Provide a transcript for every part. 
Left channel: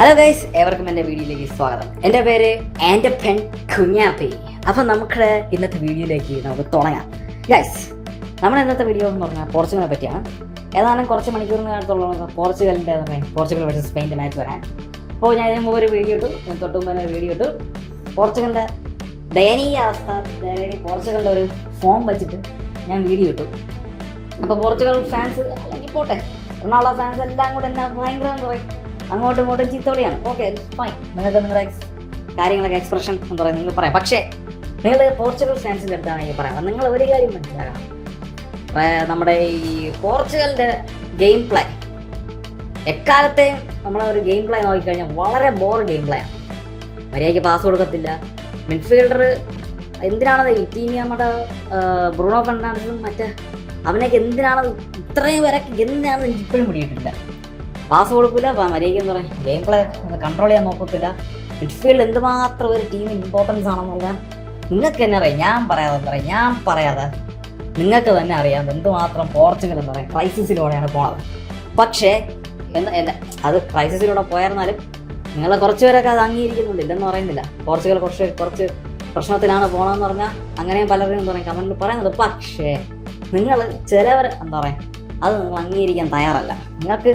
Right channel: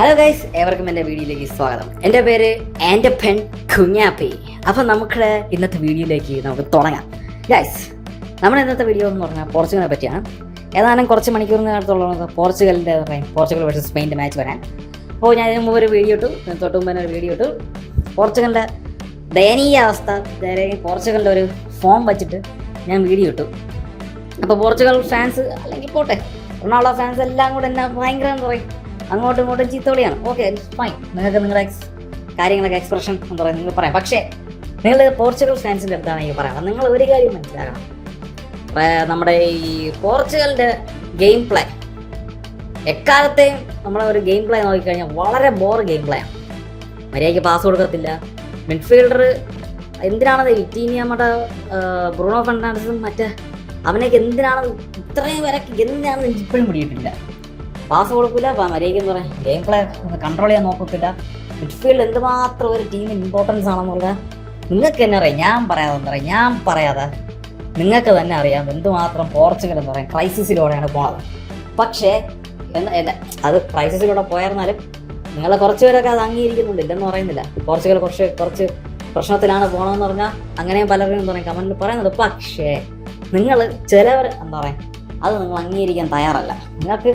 Hello guys, ഏവർക്കും എൻ്റെ വീഡിയോയിലേക്ക് സ്വാഗതം. എൻ്റെ പേര് എൻ്റെ പെൻ കുഞ്ഞാപ്പി. അപ്പം നമുക്ക് ഇന്നത്തെ വീഡിയോയിലേക്ക് നമുക്ക് തുടങ്ങാം. ഗൈസ്, നമ്മുടെ ഇന്നത്തെ വീഡിയോ എന്ന് പറഞ്ഞാൽ പോർച്ചുഗലിനെ പറ്റിയാണ്. ഏതാനും കുറച്ച് മണിക്കൂറിനകത്തുള്ള പോർച്ചുഗൽ വേഴ്സസ് സ്പെയിൻ്റെ മാച്ച് വരാൻ. അപ്പോൾ ഞാൻ ഇതിന് മുമ്പ് ഒരു വീഡിയോ ഇട്ടു, തൊട്ട് മുമ്പ് തന്നെ ഒരു വീഡിയോ ഇട്ടു. പോർച്ചുഗലിൻ്റെ ദയനീയ അവസ്ഥ, പോർച്ചുഗലിൻ്റെ ഒരു ഫോം വെച്ചിട്ട് ഞാൻ വീഡിയോ ഇട്ടു. അപ്പോൾ പോർച്ചുഗൽ ഫാൻസ് അല്ലെങ്കിൽ പോട്ടെ, റൊണാൾഡോ ഫാൻസ് എല്ലാം കൂടെ എന്നെ ഭയങ്കര പറയും, അങ്ങോട്ടും ഇങ്ങോട്ടും ചീത്തവിളിയാണ്. ഓക്കെ, ഫൈൻ, നിങ്ങൾക്ക് നിങ്ങളുടെ കാര്യങ്ങളൊക്കെ എക്സ്പ്രഷൻ എന്ന് പറയുന്നത് നിങ്ങൾ പറയാം. പക്ഷേ നിങ്ങൾ പോർച്ചുഗൽ ഫാൻസിൻ്റെ അടുത്താണെങ്കിൽ പറയാം, നിങ്ങൾ ഒരു കാര്യം മനസ്സിലാക്കണം. നമ്മുടെ ഈ പോർച്ചുഗലിൻ്റെ ഗെയിം പ്ലേ എക്കാലത്തെയും നമ്മൾ ഒരു ഗെയിം പ്ലേ നോക്കിക്കഴിഞ്ഞാൽ വളരെ ബോർ ഗെയിം പ്ലേ ആണ്. മര്യാദയ്ക്ക് പാസ് കൊടുക്കത്തില്ല. മിഡ്ഫീൽഡർ എന്തിനാണത് നമ്മുടെ ബ്രൂണോ ഫെർണാണ്ടസും മറ്റേ അവനൊക്കെ എന്തിനാണത് ഇത്രയും വരെ എന്തിനാണെന്ന് എനിക്ക് ഇപ്പോഴും പിടിയിട്ടില്ല. പാസ് കൊടുക്കില്ല, മര്യാദയ്ക്ക് പറയാം ഗെയിം പ്ലേ കൺട്രോൾ ചെയ്യാൻ നോക്കത്തില്ല. മിഡ്ഫീൽഡ് എന്തുമാത്രം ഒരു ടീം ഇമ്പോർട്ടൻസ് ആണെന്ന് പറഞ്ഞാൽ നിങ്ങൾക്ക് തന്നെ അറിയാം. ഞാൻ പറയാതെ നിങ്ങൾക്ക് തന്നെ അറിയാം എന്തുമാത്രം പോർച്ചുഗൽ എന്ന് പറയാം ക്രൈസിസിലൂടെയാണ് പോണത്. പക്ഷേ അത് ക്രൈസിസിലൂടെ പോയായിരുന്നാലും നിങ്ങൾ കുറച്ച് പേരൊക്കെ അത് അംഗീകരിക്കുന്നുണ്ട്, ഇല്ലെന്ന് പറയുന്നില്ല. പോർച്ചുഗൽ കുറച്ച് പ്രശ്നത്തിലാണ് പോകണമെന്ന് പറഞ്ഞാൽ അങ്ങനെയും പലരും എന്താ പറയുക കമന്റിൽ പറയുന്നത്. പക്ഷേ നിങ്ങൾ ചിലവർ എന്താ പറയുക അത് നിങ്ങൾ അംഗീകരിക്കാൻ തയ്യാറല്ല. നിങ്ങൾക്ക്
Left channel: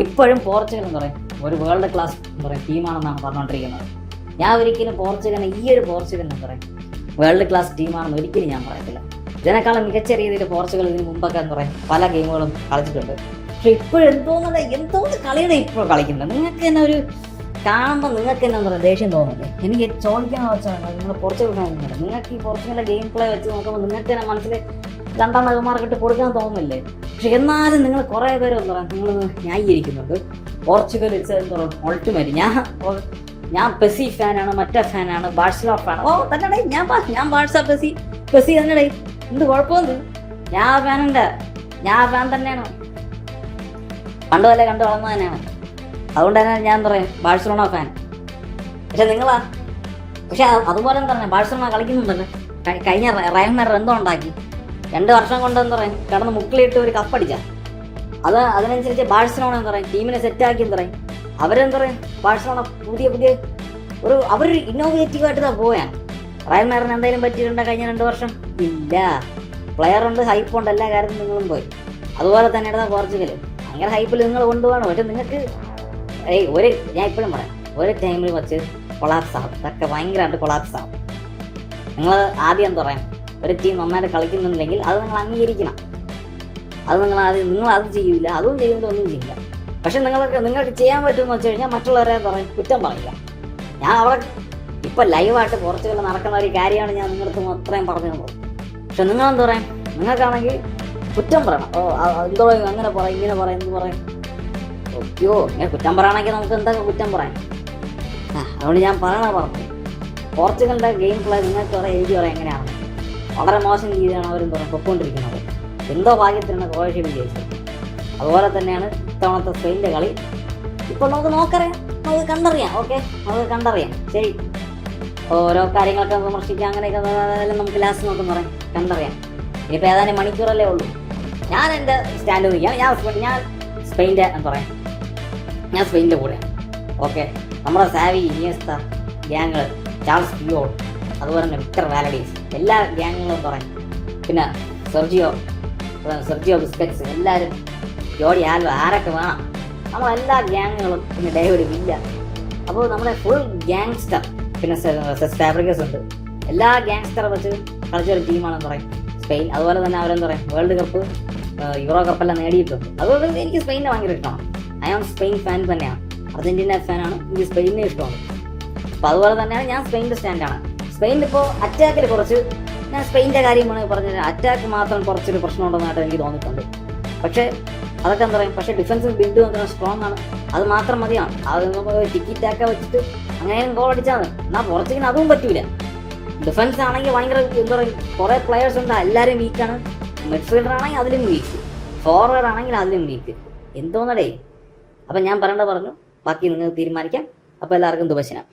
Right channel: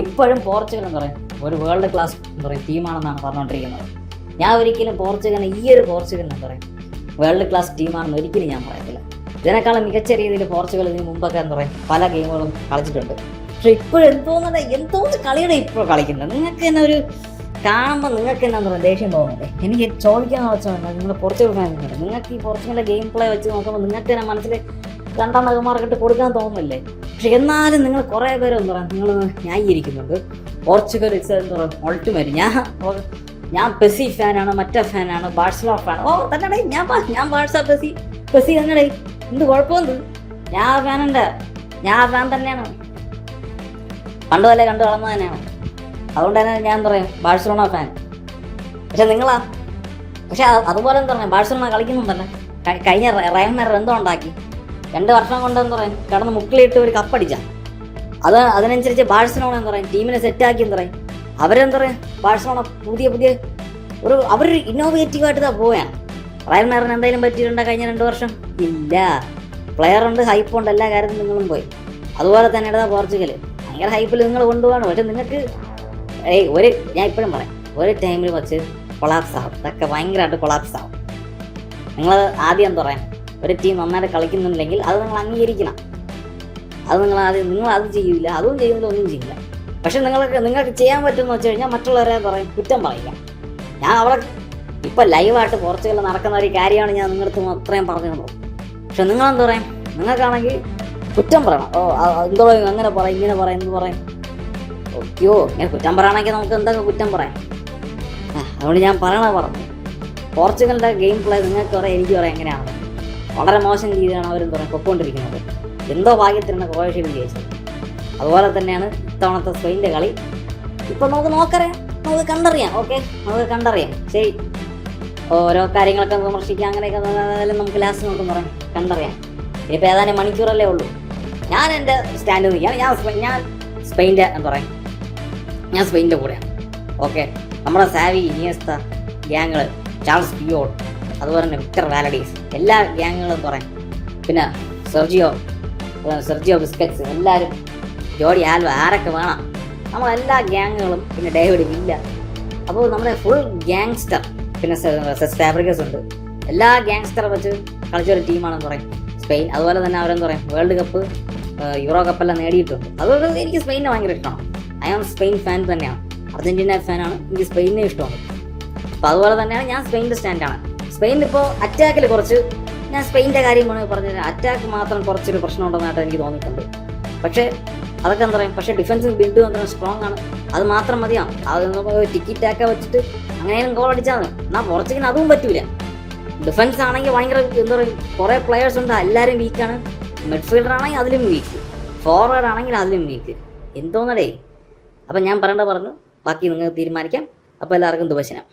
ഇപ്പോഴും പോർച്ചുഗൽ എന്ന് പറയും ഒരു വേൾഡ് ക്ലാസ് എന്താ പറയുക ടീമാണെന്നാണ് പറഞ്ഞുകൊണ്ടിരിക്കുന്നത്. ഞാൻ ഒരിക്കലും പോർച്ചുഗലിനെ ഈ ഒരു പോർച്ചുഗൽ എന്ന് പറയും വേൾഡ് ക്ലാസ് ടീമാണെന്ന് ഒരിക്കലും ഞാൻ പറയത്തില്ല. ഇതിനേക്കാളും മികച്ച രീതിയിൽ പോർച്ചുഗൽ ഇതിന് മുമ്പൊക്കെ എന്താ പറയുക പല ഗെയിമുകളും കളിച്ചിട്ടുണ്ട്. പക്ഷെ ഇപ്പോഴും എന്തോ കളിയാണ് ഇപ്പോൾ കളിക്കുന്നത്. നിങ്ങൾക്ക് തന്നെ ഒരു കാണുമ്പോൾ നിങ്ങൾക്ക് തന്നെ എന്താ ദേഷ്യം തോന്നുന്നുണ്ട്. എനിക്ക് ചോദിക്കാൻ വെച്ചാൽ നിങ്ങളുടെ പോർച്ചുഗൽ ഫാൻസ്, നിങ്ങൾക്ക് ഈ പോർച്ചുഗലിന്റെ ഗെയിം പ്ലേ വെച്ച് നോക്കുമ്പോൾ നിങ്ങൾക്ക് തന്നെ മനസ്സിൽ രണ്ടെണ്ണം മാർക്കിട്ട് കൊടുക്കാൻ തോന്നുന്നില്ലേ? പക്ഷെ എന്നാലും നിങ്ങൾ കുറെ പേര് എന്താ പറയുക നിങ്ങൾ ന്യായീകരിക്കുന്നുണ്ട്. Portugal ultimate. ഞാൻ പെസി ഫാനാണ്, മറ്റേ ഫാനാണ്, ബാഴ്സലോണ ഫാൻ. ഓ തന്നെ ഞാൻ ബാഴ്സ പെസി തന്നെ എന്ത് കുഴപ്പമെന്ത്? ഞാൻ ഫാൻ തന്നെയാണ്, പണ്ട് പോലെ കണ്ടു വളർന്നു തന്നെയാണ്. അതുകൊണ്ട് തന്നെ ഞാൻ പറയും ബാഴ്സലോണ ഫാൻ. പക്ഷെ പക്ഷെ അതുപോലെ എന്താ പറയുക ബാഴ്സലോണ കളിക്കുന്നു തന്നെ കഴിഞ്ഞ റയൽ മാഡ്രിഡ് എന്തോ ഉണ്ടാക്കി 2 വർഷം കൊണ്ട് എന്താ പറയുക കടന്ന് മുക്കിലിട്ട് ഒരു കപ്പടിച്ച അതിനനുസരിച്ച് ബാഴ്സലോണ എന്താ പറയുക ടീമിനെ സെറ്റാക്കി എന്താ പറയുക അവരെന്താ പറയുക ബാഴ്സലോണ പുതിയ അവരൊരു ഇന്നോവേറ്റീവ് ആയിട്ട് പോവുകയാണ്. റയൽ മാഡ്രിഡിന് എന്തെങ്കിലും പറ്റിയിട്ടുണ്ടോ കഴിഞ്ഞ 2 വർഷം? ഇല്ല. പ്ലെയർ ഉണ്ട്, ഹൈപ്പ് ഉണ്ട്, എല്ലാ കാര്യത്തിലും നിങ്ങളും പോയി. അതുപോലെ തന്നെ പോർച്ചുഗൽ ഭയങ്കര ഹൈപ്പിൽ നിങ്ങൾ കൊണ്ടുപോകണം. പക്ഷെ നിങ്ങൾക്ക് ഞാൻ ഇപ്പോഴും പറയാം ഒരു ടൈമിൽ വെച്ച് കൊളാപ്സ് ആവും. ഇതൊക്കെ ഭയങ്കരമായിട്ട് കൊളാപ്സ് ആവും. നിങ്ങൾ ആദ്യം എന്താ പറയാം ഒരു ടീം നന്നായിട്ട് കളിക്കുന്നുണ്ടെങ്കിൽ അത് നിങ്ങൾ അംഗീകരിക്കണം. അത് നിങ്ങൾ അത് ചെയ്യില്ല, അതും ചെയ്യുന്നില്ല, ഒന്നും ചെയ്യില്ല. പക്ഷെ നിങ്ങൾക്ക് ചെയ്യാൻ പറ്റുമെന്ന് വെച്ച് കഴിഞ്ഞാൽ മറ്റുള്ളവരെ കുറ്റം പറയില്ല. ഞാൻ അവിടെ ഇപ്പം ലൈവായിട്ട് പോർച്ചുഗലിൽ നടക്കുന്ന ഒരു കാര്യമാണ് ഞാൻ നിങ്ങൾക്ക് അത്രയും പറഞ്ഞുള്ളൂ. പക്ഷെ നിങ്ങളെന്താ പറയാം നിങ്ങൾക്കാണെങ്കിൽ കുറ്റം പറയണം. എന്തോ അങ്ങനെ പറയും ഇങ്ങനെ പറയും എന്ത് പറയും. ഓക്കെയോ ഇങ്ങനെ കുറ്റം പറയണമെങ്കിൽ നമുക്ക് എന്തൊക്കെ കുറ്റം പറയാം. അതുകൊണ്ട് ഞാൻ പറഞ്ഞു പോർച്ചുഗലിൻ്റെ ഗെയിം പ്ലേ നിങ്ങൾക്ക് പറയാം എനിക്ക് പറയാം എങ്ങനെയാണ് വളരെ മോശം രീതിയിലാണ് അവരും പൊക്കോണ്ടിരിക്കുന്നത്. എന്തോ ഭാഗ്യത്തിനാണ് ക്രൊയേഷ്യയിൽ ജയിച്ചത്. അതുപോലെ തന്നെയാണ് ഇത്തവണത്തെ സ്പെയിൻ്റെ കളി. ഇപ്പോൾ നമുക്ക് കണ്ടറിയാം. ഓക്കെ, നമുക്ക് കണ്ടറിയാം. ശരി, ഓരോ കാര്യങ്ങളൊക്കെ വിമർശിക്കാം, അങ്ങനെയൊക്കെ നമുക്ക് ലാസ്റ്റ് നോക്കാൻ പറയാം കണ്ടറിയാം. ഇനിയിപ്പോൾ ഏതാനും മണിക്കൂറല്ലേ ഉള്ളൂ. ഞാൻ എൻ്റെ സ്റ്റാൻഡ് നിൽക്കാം. ഞാൻ സ്പെയിൻ്റെ പറയാം, ഞാൻ സ്പെയിൻ്റെ കൂടെയാണ്. ഓക്കെ, നമ്മളെ സാവി, ഇനിയസ്ത ഗ്യാങ്ങൾ, ചാൾസ് പിയോൾ, അതുപോലെ തന്നെ വിക്ടർ വാലഡീസ്, എല്ലാ ഗ്യാങ്ങുകളും പറയാം. പിന്നെ സെർജിയോ ബിസ്കറ്റ്സ്, എല്ലാവരും ജോഡി ആൽവ, ആരൊക്കെ വേണം നമ്മളെല്ലാ ഗ്യാങ്ങുകളും, പിന്നെ ഡേവിഡ് വില്ല. അപ്പോൾ നമ്മുടെ ഫുൾ ഗ്യാങ്സ്റ്റർ, പിന്നെ സെസ് ഫാബ്രിക്കസ് ഉണ്ട്. എല്ലാ ഗ്യാങ്സ്റ്ററെ വെച്ച് കളിച്ചൊരു ടീമാണെന്ന് പറയും സ്പെയിൻ. അതുപോലെ തന്നെ അവരെന്താ പറയും വേൾഡ് കപ്പ്, യൂറോ കപ്പെല്ലാം നേടിയിട്ടുണ്ട്. അതുകൊണ്ട് എനിക്ക് സ്പെയിനെ ഭയങ്കര ഇഷ്ടമാണ്. ഐ ആം സ്പെയിൻ ഫാൻ തന്നെയാണ്. അർജന്റീന ഫാനാണ്, എനിക്ക് സ്പെയിനെ ഇഷ്ടമാണ്. അപ്പോൾ അതുപോലെ തന്നെയാണ് ഞാൻ സ്പെയിൻ്റെ സ്റ്റാൻഡാണ്. സ്പെയിനിൽ ഇപ്പോൾ അറ്റാക്കിൽ ഞാൻ സ്പെയിൻ്റെ കാര്യമാണ് പറഞ്ഞത്. അറ്റാക്ക് മാത്രം കുറച്ചൊരു പ്രശ്നമുണ്ടെന്നായിട്ട് എനിക്ക് തോന്നിയിട്ടുണ്ട്. പക്ഷേ അതൊക്കെ എന്താ പറയുക, പക്ഷേ ഡിഫൻസും ബിൽഡും എന്താ സ്ട്രോങ് ആണ്. അത് മാത്രം മതിയാണ്. അത് നമുക്ക് ടിക്കി ടാക്ക വെച്ചിട്ട് അങ്ങനെയും ഗോൾ അടിച്ചാണ്. എന്നാൽ പോർച്ചുഗലിന് അതും പറ്റൂല. ഡിഫൻസ് ആണെങ്കിൽ ഭയങ്കര എന്താ പറയുക കുറേ പ്ലെയേഴ്സ് ഉണ്ട്, എല്ലാവരും വീക്കാണ്. മിഡ്ഫീൽഡർ ആണെങ്കിൽ അതിലും വീക്ക്, ഫോർവേഡ് ആണെങ്കിൽ അതിലും വീക്ക്. എന്തോന്നടേ. അപ്പം ഞാൻ പറഞ്ഞു ബാക്കി നിങ്ങൾക്ക് തീരുമാനിക്കാം. അപ്പോൾ എല്ലാവർക്കും ദുബശനം.